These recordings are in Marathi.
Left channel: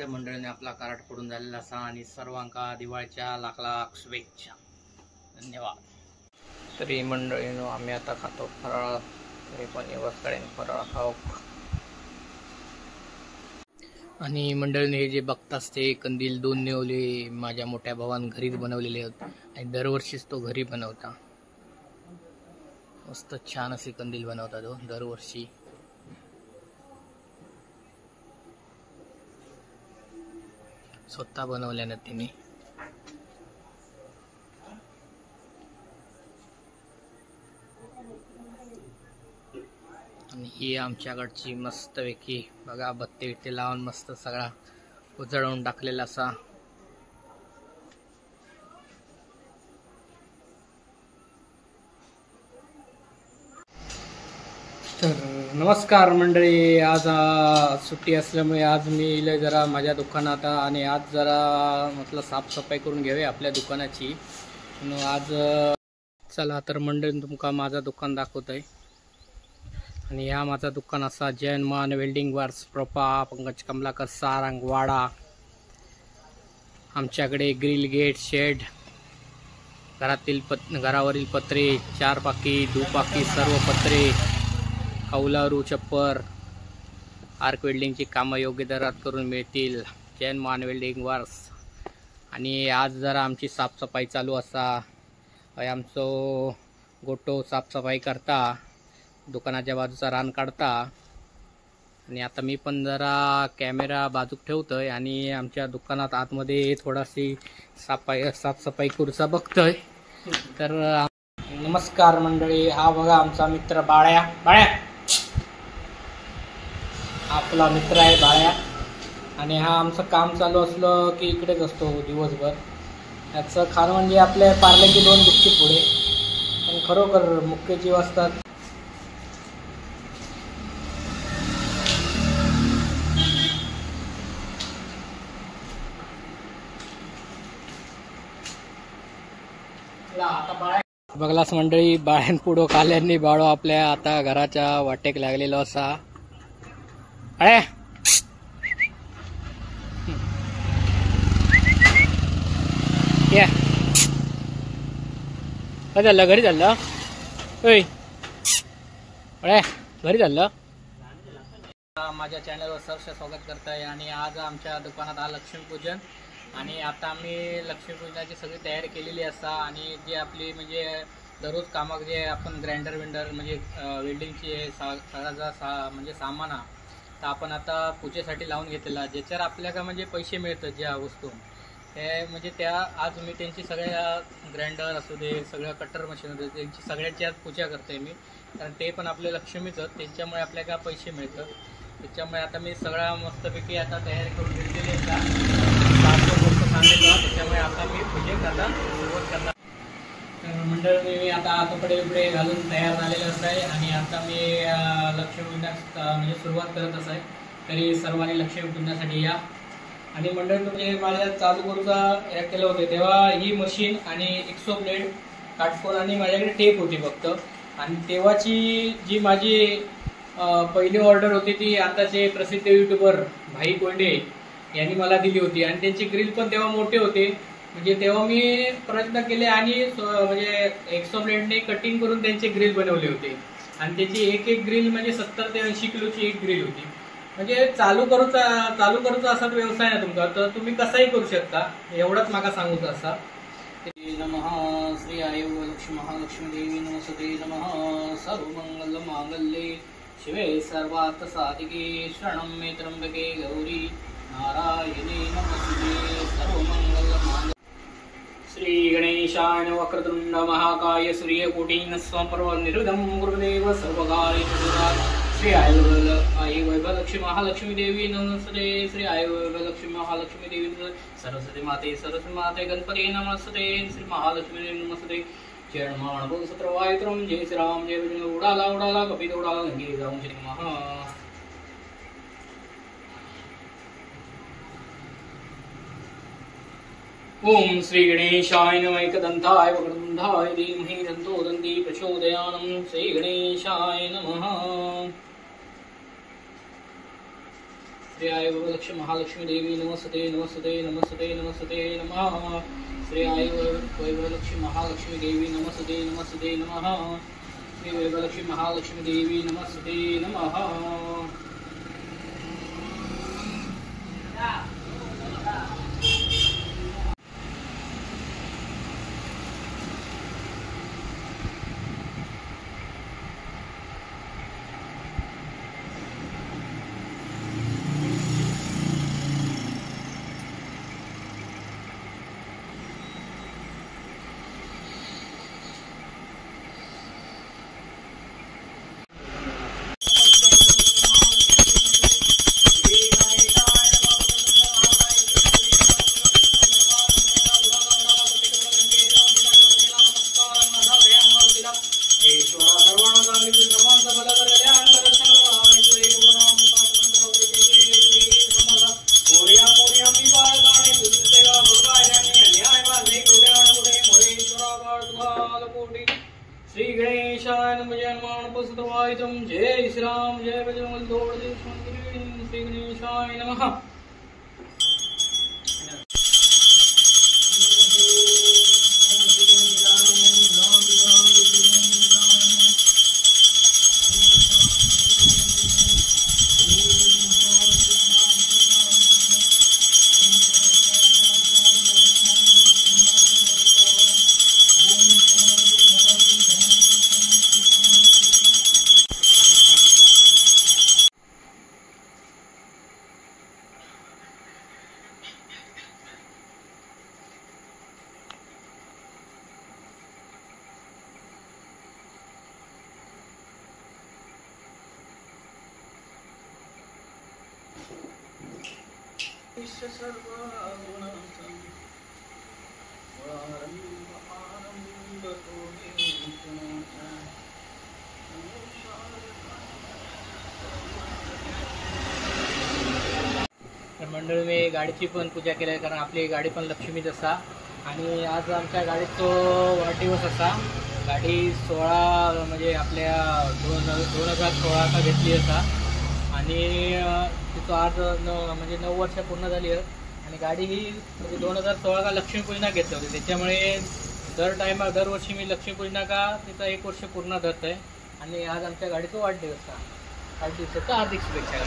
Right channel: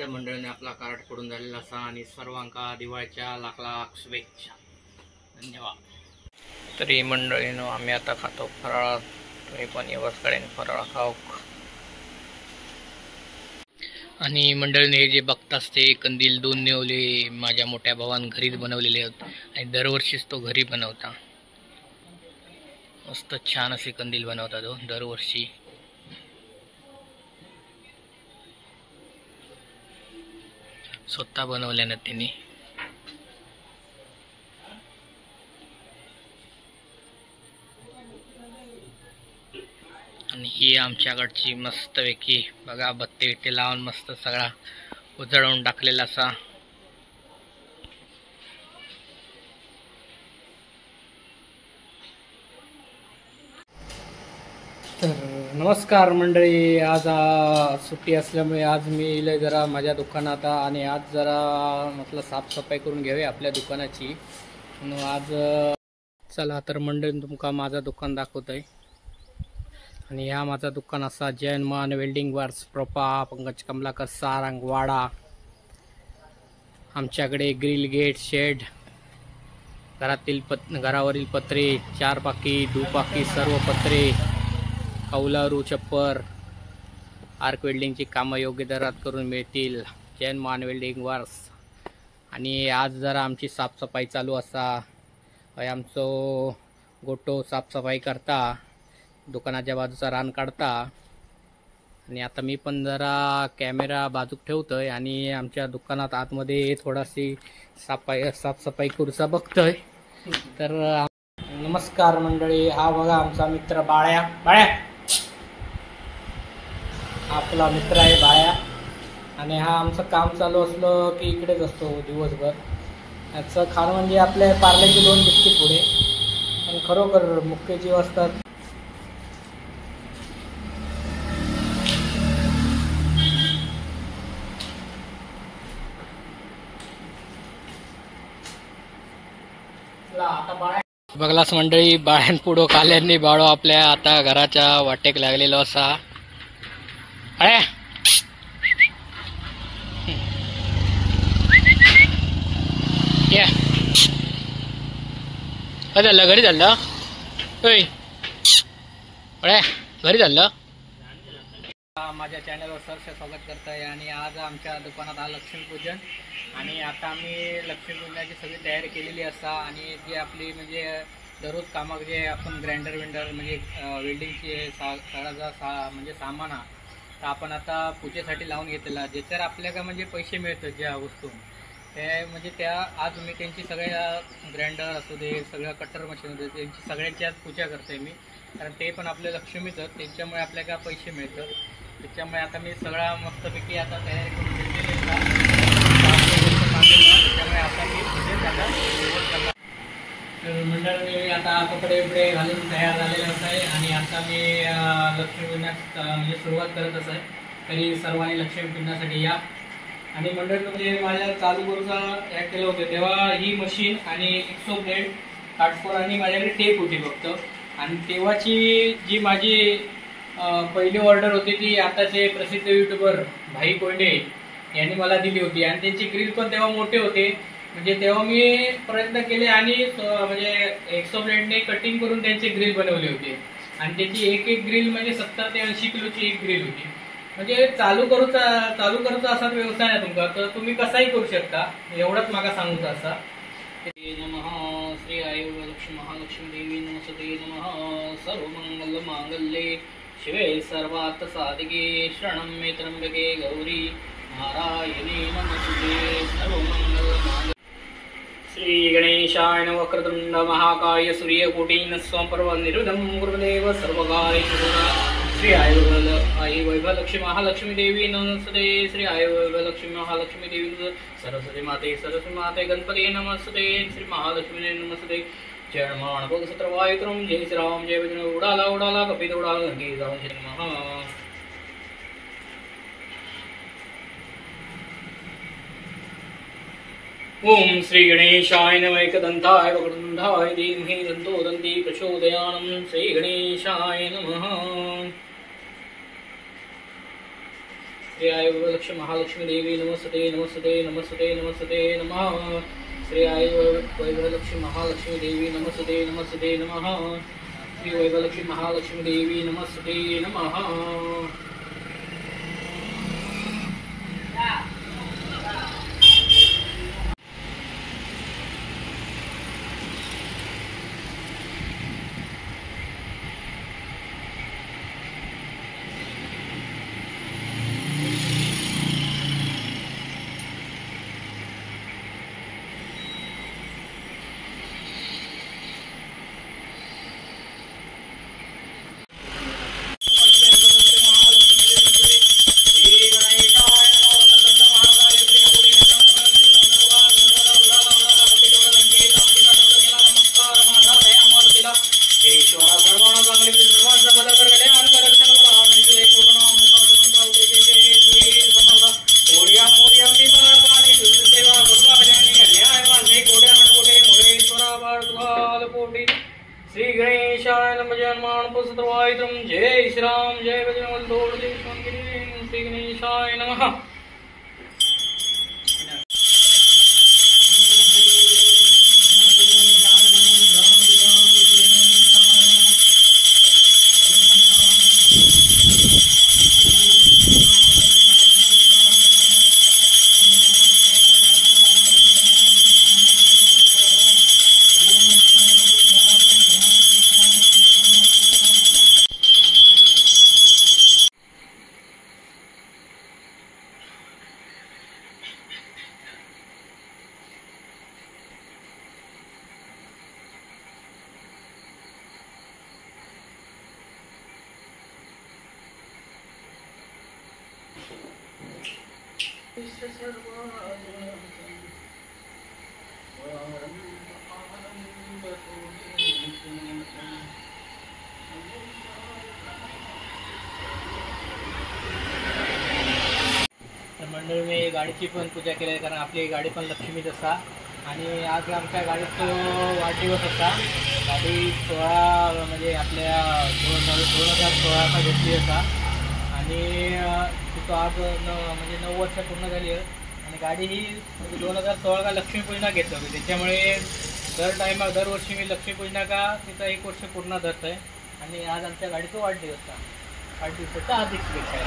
सगळ्या मंडळीने आपला कार्ड पडून झालेला असा आणि सर्वांका दिवाळीच्या लाख लाख शुभेच्छा. धन्यवाद. तरी मंडळीनो आम्ही आता खातो फराळ. तुम्ही पण व्यवस्थित फराळ खाऊ. आणि मंडळीने हे जे बघताच ते कंदील 2 नेवले माझ्या मोठ्या भावान घरीच बनवलेले आहेत आणि दरवर्षीच तो घरी बनवता. मस्त छान असे कंदील बनवता तो दरवर्षी. स्वतः बनवल्यानं त्यांनी. आणि ही आमच्याकडची मस्तपैकी बघा बत्ती बित्ती लावून मस्त सगळा उजळवून टाकलेला असा. तर नमस्कार मंडळी. आज सुट्टी असल्यामुळे आज मी इले जरा माझ्या दुकानात आणि आज जरा म्हटलं साफसफाई करून घ्यावी आपल्या दुकानाची म्हणून आज. चला तर मंडळी तुमका माझा दुकान दाखवतोय. आणि ह्या माझा दुकान असा जैन मान वेल्डिंग वर्क्स प्रोपा पंकज कमलाकर सारंग वाडा. आमच्याकडे ग्रिल गेट शेड घरावरील पत्रे 4 पाकी दुपाकी सर्व पत्रे कौलारू छप्पर आर्क वेल्डिंगची कामं योग्य दरात करून मिळतील. जैन मान वेल्डिंग वर्क्स. आणि आज जरा आमची साफसफाई चालू असा. आमचो गोटो साफसफाई करता दुकानाच्या बाजूचा रान काढता. आणि आता मी पण जरा कॅमेरा बाजूक ठेवतोय आणि आमच्या दुकानात आतमध्ये थोडाशी साफसफाई करूचा बघतोय. तर नमस्कार मंडळी. हा बघा आमचा मित्र बाळ्या. आपला मित्र आहे बाळ्या. आणि हा आमचं काम चालू असलं की इकडेच असतो दिवसभर. याचं खाणं म्हणजे आपले पार्लेची 2 बिस्किट पुढे पण खरोखर मुख्य जीव असतात. बघलास मंडळी बाळ्यान पुढं खाल्ल्यांनी बाळो आपल्या आता घराच्या वाटेक लागलेलो असा. अरे या काय झालं घरी झालं होय अरे घरी झालं. माझ्या चॅनलवर सहर्ष स्वागत करताय. आणि आज आमच्या दुकानात हा लक्ष्मीपूजन आणि आता आम्ही लक्ष्मीपूजनाची सगळी तयारी केलेली असा. आणि जे आपली म्हणजे दररोज कामाक जे आपण ग्राइंडर म्हणजे वेल्डिंगची सगळा म्हणजे सामान तर आपण आता पूजेसाठी लावून घेतलेला ज्याच्यावर आपल्याला म्हणजे पैसे मिळतात ज्या वस्तू ते म्हणजे त्या आज मी त्यांची सगळ्या ग्राइंडर असू दे सगळ्या कटर मशीन असू दे त्यांची सगळ्यांची आज पूजा करते मी. कारण ते पण आपले लक्ष्मीच त्यांच्यामुळे आपल्याला पैसे मिळतात. त्याच्यामुळे आता मी सगळा मस्तपैकी आता तयारी करून घेतलेली त्याच्यामुळे आता मी पूजेत आता सुरुवात करणार. मंडळ मी आता कपडे बिपडे घालून तयार झालेले असं आहे. आणि आता मी लक्ष्मीपूजनास म्हणजे सुरुवात करत असं आहे. तरी सर्वांनी लक्ष्मीपूजनासाठी या. आणि मंडळ म्हणजे माझ्या चालू करूचा ॲड केलं होतं तेव्हा ही मशीन आणि एक्सो ब्लेड काटकोर आणि माझ्याकडे टेप होती फक्त. आणि तेव्हाची जी माझी पहिली ऑर्डर होती ती आताचे प्रसिद्ध युट्यूबर भाई कोंडे यांनी मला दिली होती. आणि त्यांची ग्रिल पण तेव्हा मोठे होते म्हणजे तेव्हा मी प्रयत्न केले आणि म्हणजे एक्सो ब्लेडने कटिंग करून त्यांचे ग्रिल बनवले होते. आणि त्याची एक ग्रिल म्हणजे 70 ते 80 किलोची एक ग्रिल होती. म्हणजे चालू करूचा असा व्यवसाय ना तुमका तर तुम्ही कसाही करू शकता एवढंच माका सांगूचं असा. नमः श्री आयुर्लक्ष्मी महालक्ष्मी देवी नमस्ते. नमः सर्वमंगल मांगल्ये शिवे सर्वार्थ साधिके शरणं मे त्र्यंबके गौरी नारायणी नमस्ते. सर्वमंगल मांगल्ये. श्री गणेशाय नमः. वक्रतुंड महाकाय सूर्यकोटि समप्रभ निर्विघ्नं गुरुदेव सर्वकार्येषु श्री आई वैभवलक्ष्मी महालक्ष्मी देवी नमस्ते. श्री आई वैभवलक्ष्मी महालक्ष्मी देवी सरस्वती माते गणपती नमस्ते. श्री महालक्ष्मी नमस्ते. जय नमः सत्र वायुत्रम जय श्रीराम जय विष्णु उडाला कपित उडाला गंगे जाऊन श्री नमः. ओम श्री गणेशाय नमः. एकदंताय वक्रतुंडाय धीमहि दन्तो दन्ति प्रचोदयात्. श्री गणेशाय नमः. श्री आई वरलक्ष्मी महालक्ष्मी देवी नमस्ते नमस्ते नमस्ते नमस्ते नमः। श्री आई वैभवलक्ष्मी महालक्ष्मी देवी नमस्ते नमस्ते नमः। श्री वैभवलक्ष्मी महालक्ष्मी देवी नमस्ते नमः। श्री गणेशाय नमः। जय हनुमान पुत्रवायुत्रम। जय श्री राम जय बजरंग दल। श्री गणेशाय नमः। मंडळ मी गाडीची पण पूजा केली कारण आपली गाडी पण लक्ष्मीच असा आणि आज आमच्या गाडीचो वाढदिवस असा। गाडी 16 म्हणजे आपल्या 2016 घेतली असा आणि तिथं आज म्हणजे 9 वर्ष पूर्ण झाली आहे आणि गाडी ही म्हणजे 2016 लक्ष्मीपूजना घेतली होती। त्याच्यामुळे दरवर्षी मी लक्ष्मीपूजना का तिथं 1 वर्ष पूर्ण धरत आहे आणि आज आमच्या गाडीचा वाढदिवसाचा हार्दिक शुभेच्छा।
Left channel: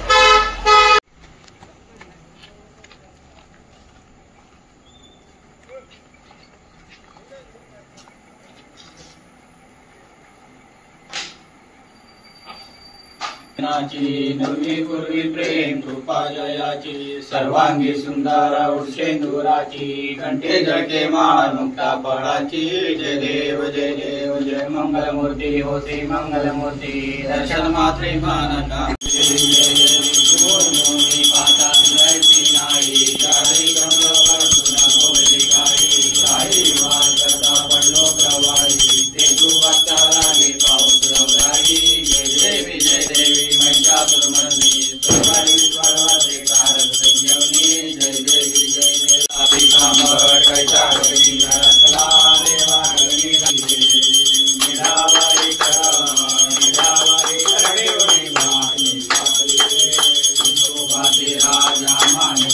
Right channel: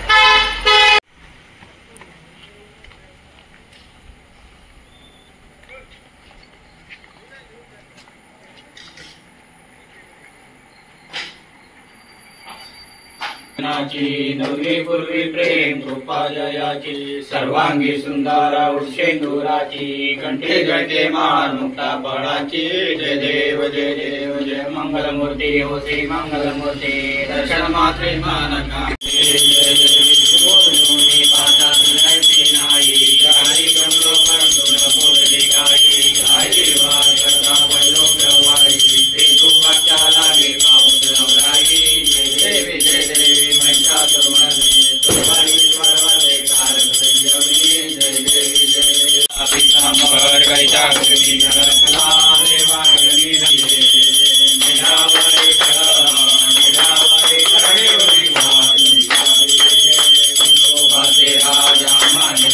नवी पूर्वी प्रेम कृपा जयाची सर्वांगी सुंदर उर्षेंदुराची कंठी जळते महामुक्ता फळाची। जय देव जय देव जय मंगलमूर्ती हो श्री मंगलमूर्ती दर्शन मात्रे मानका। राजा मान्य